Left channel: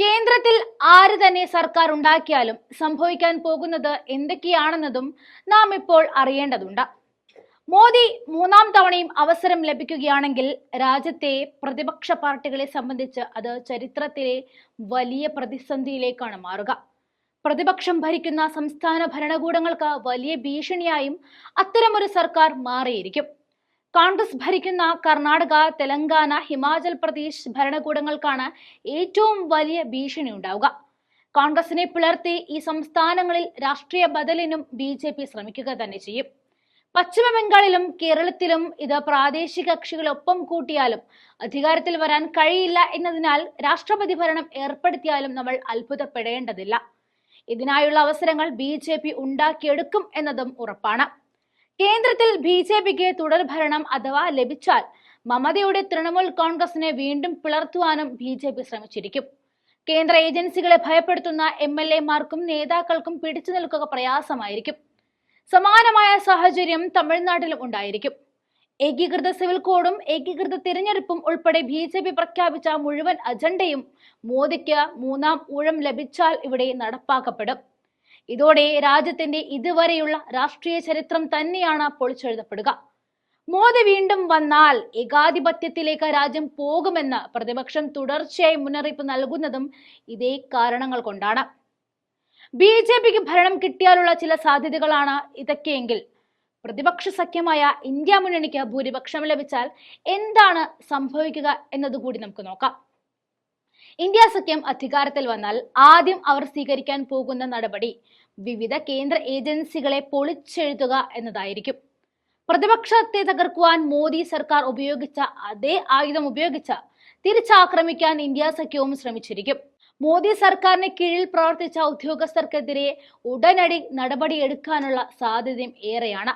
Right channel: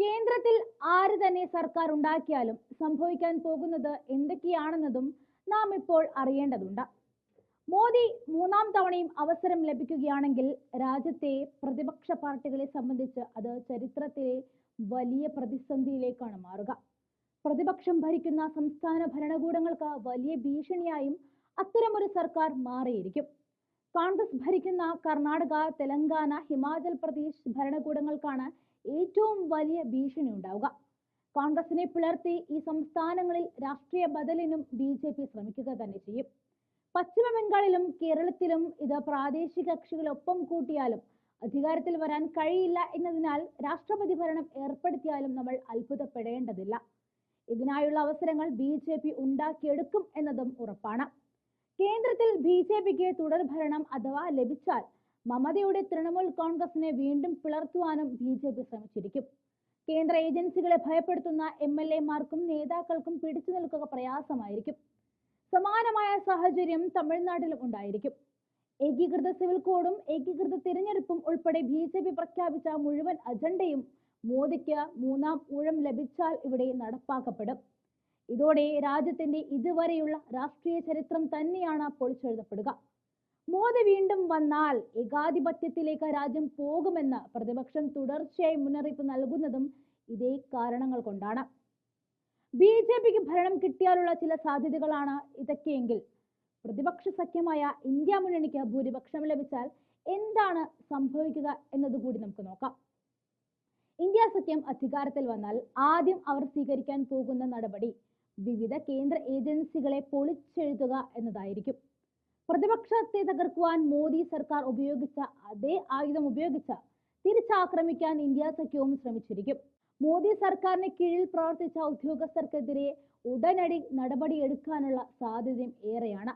കേന്ദ്രത്തിൽ ആര് തന്നെ സർക്കാർ ഉണ്ടാക്കിയാലും സംഭവിക്കാൻ പോകുന്നത് എന്തൊക്കെയാണെന്നതും നാം ഇപ്പോൾ അറിയേണ്ടതുണ്ട്. മോദി മൂന്നാം തവണയും അവസരം ലഭിക്കുകയാണെങ്കിൽ രാജ്യത്തെ പ്രതിപക്ഷ പാർട്ടികളെ സംബന്ധിച്ച് അത് ചരിത്രത്തിലെ വലിയ പ്രതിസന്ധിയിലേക്കാണ് മാറുക. പ്രതിപക്ഷം ഭരിക്കുന്ന സംസ്ഥാന ഭരണകൂടങ്ങൾക്ക് വലിയ ഭീഷണിയായും അത്തരമൊരു സർക്കാർ മാറിയിരിക്കും. കോൺഗ്രസ് ഭരിക്കുന്ന കർണാടക, തെലങ്കാന, ഹിമാചൽ പ്രദേശ് ഭരണകൂടങ്ങൾക്കാണ് ഏറ്റവും വലിയ ഭീഷണി ഉണ്ടാവുക. കോൺഗ്രസിനെ പിളർത്തി ഈ സംസ്ഥാനങ്ങളിൽ രാഷ്ട്രീയ ബദലിനും BJP ശ്രമിക്കുക തന്നെ ചെയ്യും. പശ്ചിമ ബംഗാളിലും കേരളത്തിലും ഇത് പ്രാദേശിക കക്ഷികളൊപ്പം കൂട്ടിയാലും അധികാരത്തിൽ വരാൻ കഴിയില്ല എന്നതിനാൽ രാഷ്ട്രപതി ഭരണം ഏർപ്പെടുത്തിയാലും നമ്മൾ അത്ഭുതപ്പെടേണ്ടതില്ല. ഇതിനായുള്ള അവസരങ്ങൾ BJP ഉണ്ടാക്കിയെടുക്കും എന്നതും ഉറപ്പാണ്. കേന്ദ്രത്തിൽ BJPക്ക് തുടർഭരണം അഥവാ ലഭിച്ചാൽ മമതയുടെ തൃണമൂൽ കോൺഗ്രസിനെ വീണ്ടും പിളർത്തുവാനും BJP ശ്രമിച്ചിരിക്കും. കേന്ദ്ര ഏജൻസികളെ ഭയപ്പെടുത്തുന്ന MLA-മാർക്കും നേതാക്കൾക്കും പിടിച്ചു നിൽക്കുക പ്രയാസമായിരിക്കും. സമാനമായ സാഹചര്യം തമിഴ്നാട്ടിലും ഉണ്ടായിരിക്കും. ഏകീകൃത സിവിൽ കോഡും ഏകീകൃത തിരഞ്ഞെടുപ്പും ഉൾപ്പെടെ BJP പ്രഖ്യാപിച്ച മുഴുവൻ അജണ്ടയും മോദിക്ക് മൂന്നാം ഊഴം ലഭിച്ചാൽ ഇവിടെ നടപ്പാക്കപ്പെടും. ഇതോടെ രാജ്യത്തിന്റെ ഇതുവരെയുള്ള രാഷ്ട്രീയ ചരിത്രം തന്നെയാണ് പൊളിച്ചെഴുതപ്പെടുക. മോദി വീണ്ടും വന്നാൽ ഏകാധിപത്യത്തിലേക്ക് രാജ്യം പോകുമെന്ന് പ്രതിപക്ഷം തുടർച്ചയായി മുന്നറിയിപ്പ് നൽകുന്നതും ഇതേ കാരണങ്ങൾ കൊണ്ടാണ്. BJPക്ക് ഭരണം കിട്ടിയാലുള്ള ചില സാധ്യതകളാണ് ഇതൊക്കെയെങ്കിൽ പ്രതിപക്ഷ സഖ്യമായ ഇന്ത്യ മുന്നണിക്ക് ഭൂരിപക്ഷം ലഭിച്ചാൽ എന്താണ് സംഭവിക്കുക എന്നതുകൂടി നമുക്ക് നോക്കാം. ഇന്ത്യ സഖ്യം അധികാരത്തിൽ വന്നാൽ ആദ്യം അവർ സ്വീകരിക്കാൻ പോകുന്ന നടപടി വിവിധ കേന്ദ്ര ഏജൻസികളെ പൊളിച്ചെഴുതുക എന്നതായിരിക്കും. പ്രതിപക്ഷത്തെ തകർക്കുവാൻ മോദി സർക്കാർ ഉപയോഗിച്ച അതേ ആയുധം ഉപയോഗിച്ച് തിരിച്ചാക്രമിക്കാൻ ഇന്ത്യ സഖ്യവും ശ്രമിച്ചിരിക്കും. മോദി സർക്കാരിന് കീഴിൽ പ്രവർത്തിച്ച ഉദ്യോഗസ്ഥർക്കെതിരെ ഉടനടി നടപടിയെടുക്കാനുള്ള സാധ്യതയും ഏറെയാണ്.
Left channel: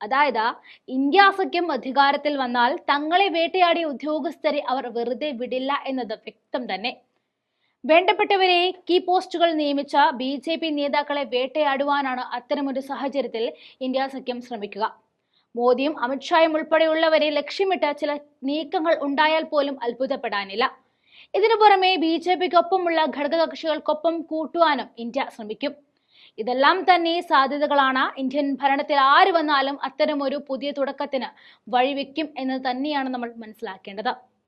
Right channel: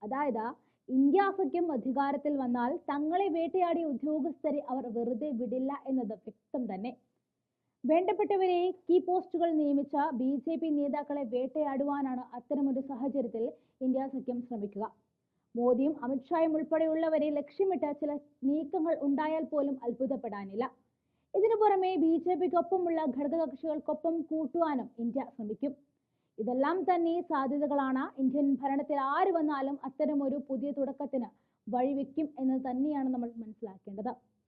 അതായത് ഇന്ത്യ സഖ്യം അധികാരത്തിൽ വന്നാൽ തങ്ങളെ വേട്ടയാടിയ ഉദ്യോഗസ്ഥരെ അവർ വെറുതെ വിടില്ല എന്നത് വ്യക്തം തന്നെ. വേണ്ടപ്പെട്ടവരെ കീ പോസ്റ്റുകൾ നിയമിച്ച BJP നേതാക്കളെ വേട്ടയാടുവാനാണ് അത്തരമൊരു സാഹചര്യത്തിൽ ഇന്ത്യ സഖ്യം ശ്രമിക്കുക. മോദിയും അമിത്ഷായും ഉൾപ്പെടെയുള്ളവരെ ലക്ഷ്യമിട്ട് ചില നീക്കങ്ങൾ ഉണ്ടായാൽ പോലും അത്ഭുതപ്പെടാനില്ല. ഇതിനു പുറമെ BJPക്കൊപ്പമുള്ള ഘടകകക്ഷികൾക്കൊപ്പം കൂട്ടുവാനും ഇന്ത്യ ശ്രമിക്കും. ഇതെല്ലാം തന്നെ സാധ്യതകളാണ്. ഇന്ത്യൻ ഭരണത്തിൽ ആര് വന്നാലും അത്തരമൊരു പുതിയ തുടക്കത്തിന് വഴിവെക്കും എന്ന് തന്നെയാണ് നമ്മൾ മനസ്സിലാക്കേണ്ടത്.